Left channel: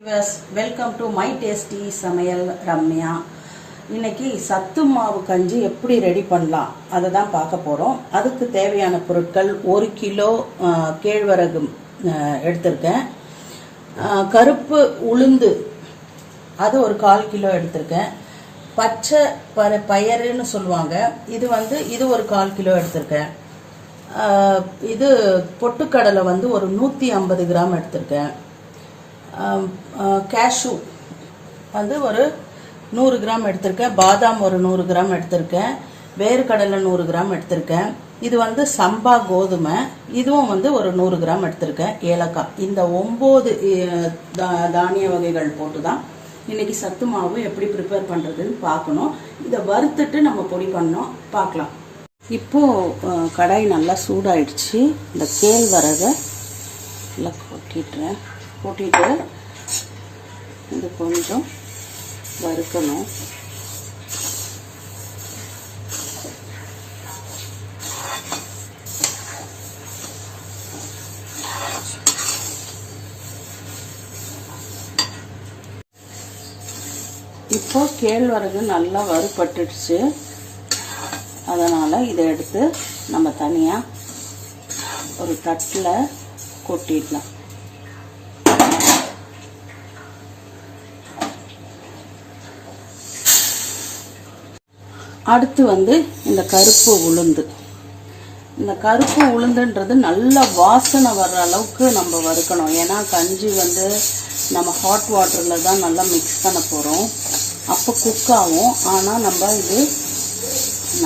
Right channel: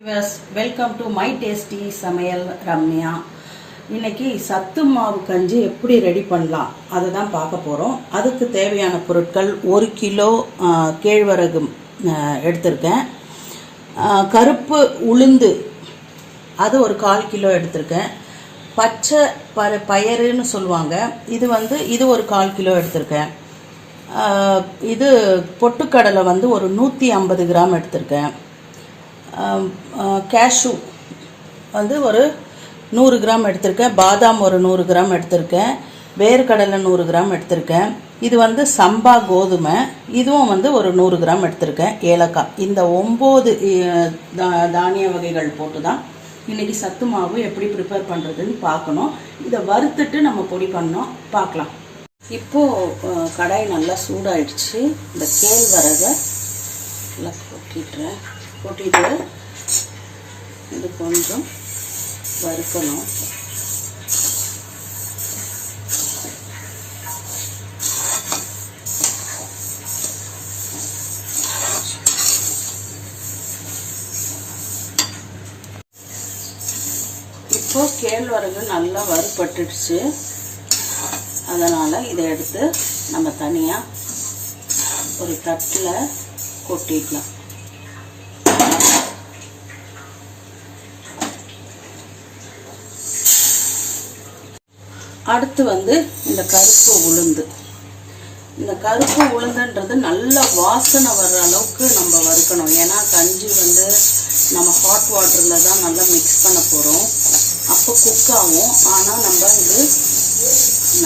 Welcome to my tasty சமையல் ரம்யா. இன்னைக்கு சத்து மாவு கஞ்சி எப்படி ரெடி பண்ணலாம் அதை தான் பார்க்க போகிறோம். அதுக்கு தேவையான பொருட்கள் 1 கிலோ கேழ்வரகு எடுத்திருக்கேன். கருப்பு உளுந்து அது ஒரு 1/4 கிலோ எடுத்திருக்கேன். பச்சை பயறுன்னு சொல்லுவாங்க, இது ஒரு 1/4 கிலோ எடுத்திருக்கேன். இது பொட்டுக்கடலை ஒரு 150 கிராம் எடுத்திருக்கேன். கேஷ்யூ ஒரு 100 கிராம் எடுத்திருக்கேன். பாதாம் ஒரு 100 கிராம் எடுத்திருக்கேன். வேர்க்கடலை 100 கிராம் எடுத்திருக்கேன். இது சம்பா கோதுமை, இதுவும் ஒரு 100 கிராம் எடுத்திருக்கேன். ஏலக்காய், இந்த 9 தானிய வகைகள் போட்டு தான் இன்னைக்கு சத்து மாவு எப்படி ப்ரிப்பேர் பண்ணுறதுன்னு பார்க்கணும். இதை வறுத்துட்டு நம்ம பொடி பண்ணோம், பார்க்கலாம். இப்போது கடாய் நல்லா சூடாயிடுச்சு. இந்த கேழ்வரகை நல்லா கொட்டிட்டு இது கொஞ்சம் வறுக்கணும். இப்போ கேழ்வரகு நல்லா வறுபட்டுடுச்சு. அதனால இதை எடுத்து நம்ம தனியா ஒரு தட்டில் கொட்டிடலாம். அடுத்து இந்த கருப்பு உளுந்து. இந்த கருப்பு உளுந்துன்றது நல்ல வாசனை வர்ற அளவுக்கு நம்ம வறுக்கணும். ஏன்னா கஞ்சி நம்ம ஹாட் வாட்டரில் தான் நல்லா மிக்ஸ் பண்ண போகிறோம். அப்போ குக் ஆகும். ஆனால் நம்ம இது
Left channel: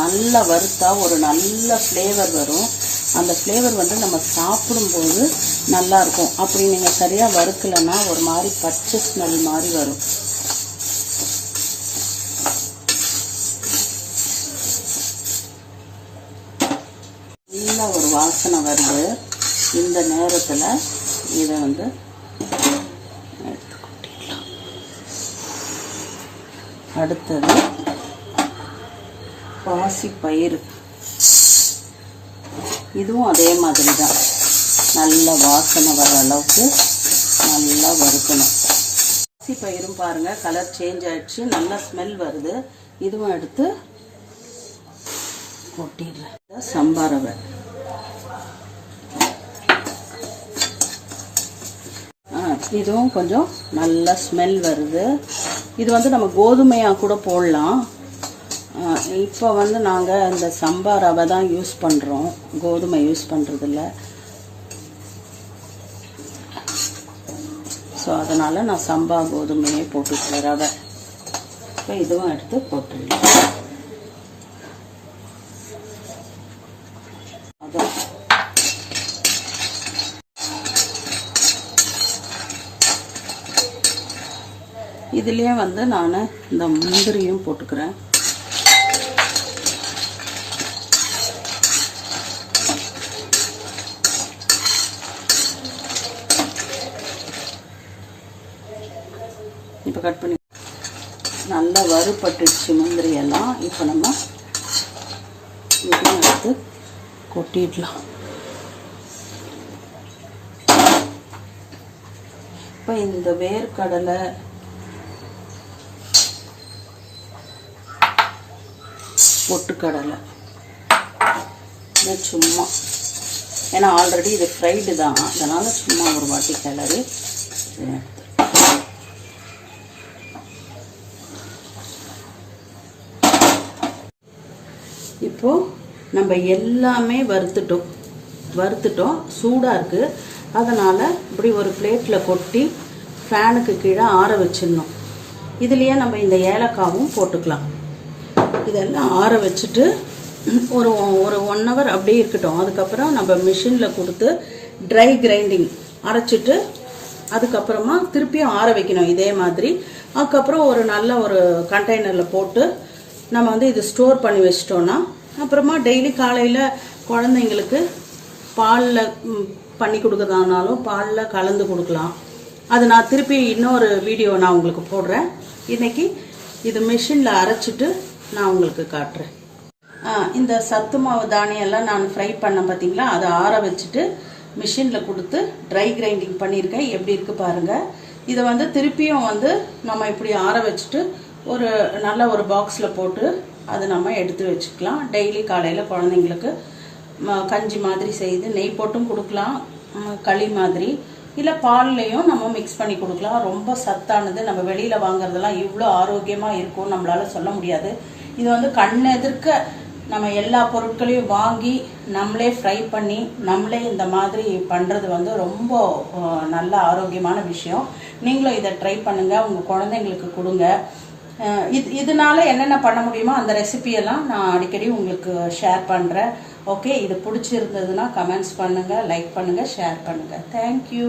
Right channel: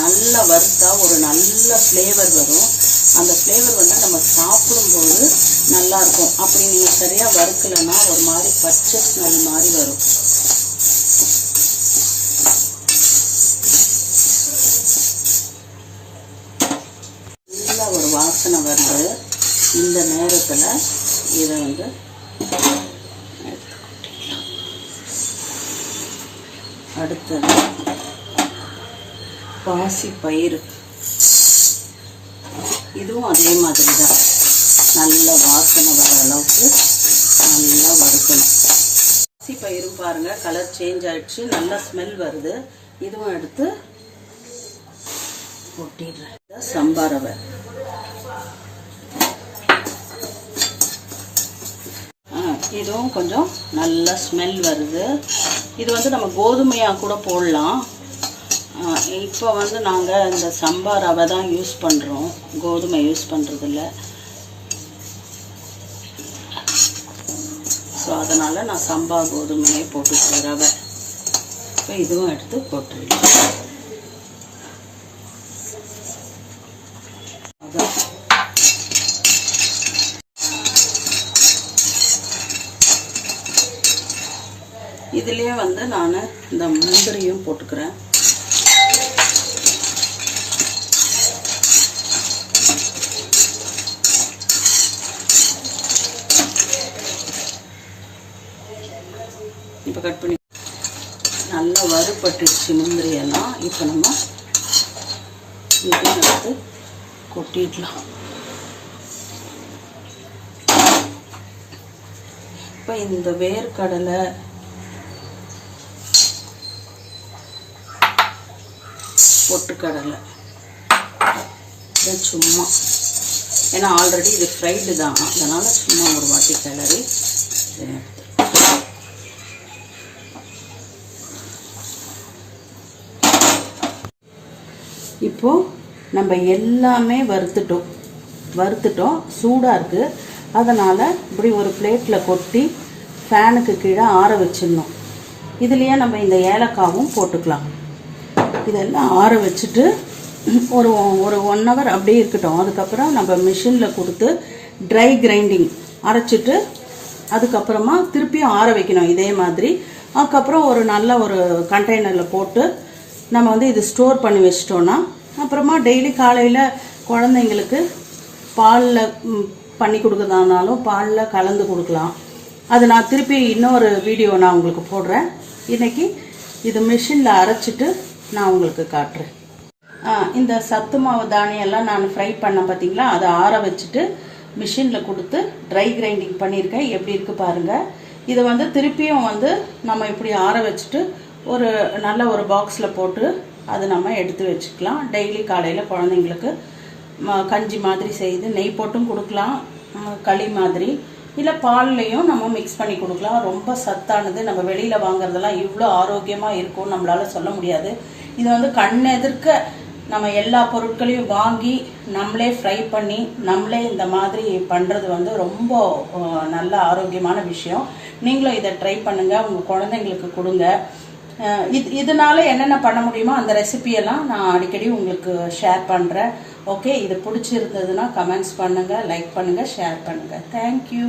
நல்லா வறுத்தா ஒரு நல்ல ஃப்ளேவர் வரும். அந்த ஃப்ளேவர் நம்ம சாப்பிடும்போது நல்லா இருக்கும். அப்படி நீங்கள் சரியாக வறுக்கலைன்னா ஒரு மாதிரி பச்சை ஸ்மெல் மாதிரி வரும். நல்ல ஒரு வாசனை வருது. இந்த நேரத்தில் இதை அடுத்தது பாசி பயிறு, இதுவும் அதே மாதிரி தான் நல்ல வாசனை வர அளவுக்கு நல்லா வறுக்கணும். பாசி பயிரும் பாருங்க கலர் சேஞ்ச் ஆயிடுச்சு, நல்ல ஸ்மெல் வருது. இதுவும் எடுத்து கொட்டிடுறேன். சம்பா ரவை, இதுவும் கொஞ்சம் நல்ல ஸ்மெல் வருது. இது நம்ம கோதுமையாக கூட போடலாம். இப்போ நாங்கள் இந்த சம்பா ரவை தான் யூஸ் பண்ணுறோம், கோதுமை யூஸ் பண்ணுறதில்ல. ஸோ அதனால் நான் சம்பா கோதுமையை போட்டுக்கிறேன் ரவை. இப்போ இதுவும் எடுத்து போட்டுடலாம். இதுலேயே நான் இந்த முந்திரியும் போட்டுக்கிறேன். இப்போ கட் பண்ணி நல்லா வறுபட்டுச்சு முந்திரி எல்லாம். இப்போ நம்ம இதையும் எடுத்து கொட்டிடலாம். இப்போ இந்த வேர்க்கடலை, பொட்டுக்கடலை சும்மா, ஏன்னா ஆல்ரெடி இது ஃப்ரைடு தான், அதனால சும்மா ஒரு வாட்டி கிளறி இப்போ நம்ம எல்லாமே வறுத்துட்டோம். சூடாக இருக்குது. அதனால் இப்படி ஒரு பிளேட்டில் கொட்டி ஃபேனுக்கு கீழே ஆற வச்சிடணும். இதுலேயே நம்ம இந்த ஏலக்காவும் போட்டுக்கலாம். இதெல்லாம் ஆற வச்சுட்டு ஒரு 1 hour அப்படியே இருக்கட்டும். அதுக்கப்புறம் நம்ம மிஷினில் கொடுத்து ட்ரை கிரைண்டிங் அரைச்சிட்டு அதுக்கப்புறமா திருப்பியும் ஆற வைக்கணும் இதே மாதிரி. அதுக்கப்புறம் ஒரு நல்ல ஒரு கண்டெய்னரில் போட்டு நம்ம இது ஸ்டோர் பண்ணி வச்சிட்டோன்னா அப்புறமா டெய்லி காலையில் குழந்தைங்களுக்கு பாலில் பண்ணி கொடுக்குறதானாலும் பாலில் கலந்து கொடுக்கலாம். அது நான் திருப்பி இன்னொரு வீடியோ நான் உங்களுக்கு போடுறேன். இன்னைக்கு இது மிஷினில் அரைச்சிட்டு நான் உங்களுக்கு காட்டுறேன். இந்த சத்து மாவு தானியெல்லாம் நான் ஃப்ரை பண்ண பார்த்தீங்களா, அதை ஆற வச்சுட்டு மிஷினில் கொடுத்து ட்ரை கிரைண்டிங் பண்ணியிருக்கேன். எப்படி இருக்குது பாருங்கள். இதை வந்து திருப்பியும் வந்து நம்ம இப்படி ஆற வச்சுட்டு ஒரு நல்ல ஒரு பாக்ஸில் போட்டு அதை நம்ம எடுத்து வச்சுக்கலாம். டெய்லி காலையில் குழந்தைங்களுக்கு கஞ்சி மாதிரி செய்து நெய் போட்டும் கொடுக்கலாம், களி மாதிரி, இல்லை பால்லையும் நம்ம மிக்ஸ் பண்ணி கொடுக்கலாம். ரொம்ப சத்தானது. நம்ம வெளியில் வாங்குறதெல்லாம் இவ்வளோ ஆரோக்கியமாக இருக்கும்னு நம்மளால சொல்ல முடியாது. இது வந்து கண் எதிர்க்க நம்ம எல்லா பொருட்களையும் வாங்கி நம்மளே ஃப்ரை பண்ணி நம்மளே இந்த மாதிரி பண்ணுறது வந்து ரொம்ப நல்ல ஆரோக்கியமான விஷயம். நீங்களும் இதை ட்ரை பண்ணுங்கள், உங்கள் குழந்தைங்களுக்கு கொடுங்க. இதனால என்னென்ன பண்ண முடியுமோ அந்த ரெசிபியெல்லாம் நான் அடிக்கடி உங்களுக்கு ஷேர் பண்ணுறேன். ஓகே, இது பிடிச்சிருந்ததுன்னா கமெண்ட்ஸ் பண்ணுங்கள், லைக் பண்ணுங்கள், ஷேர் பண்ணுங்கள். தேங்க்யூ.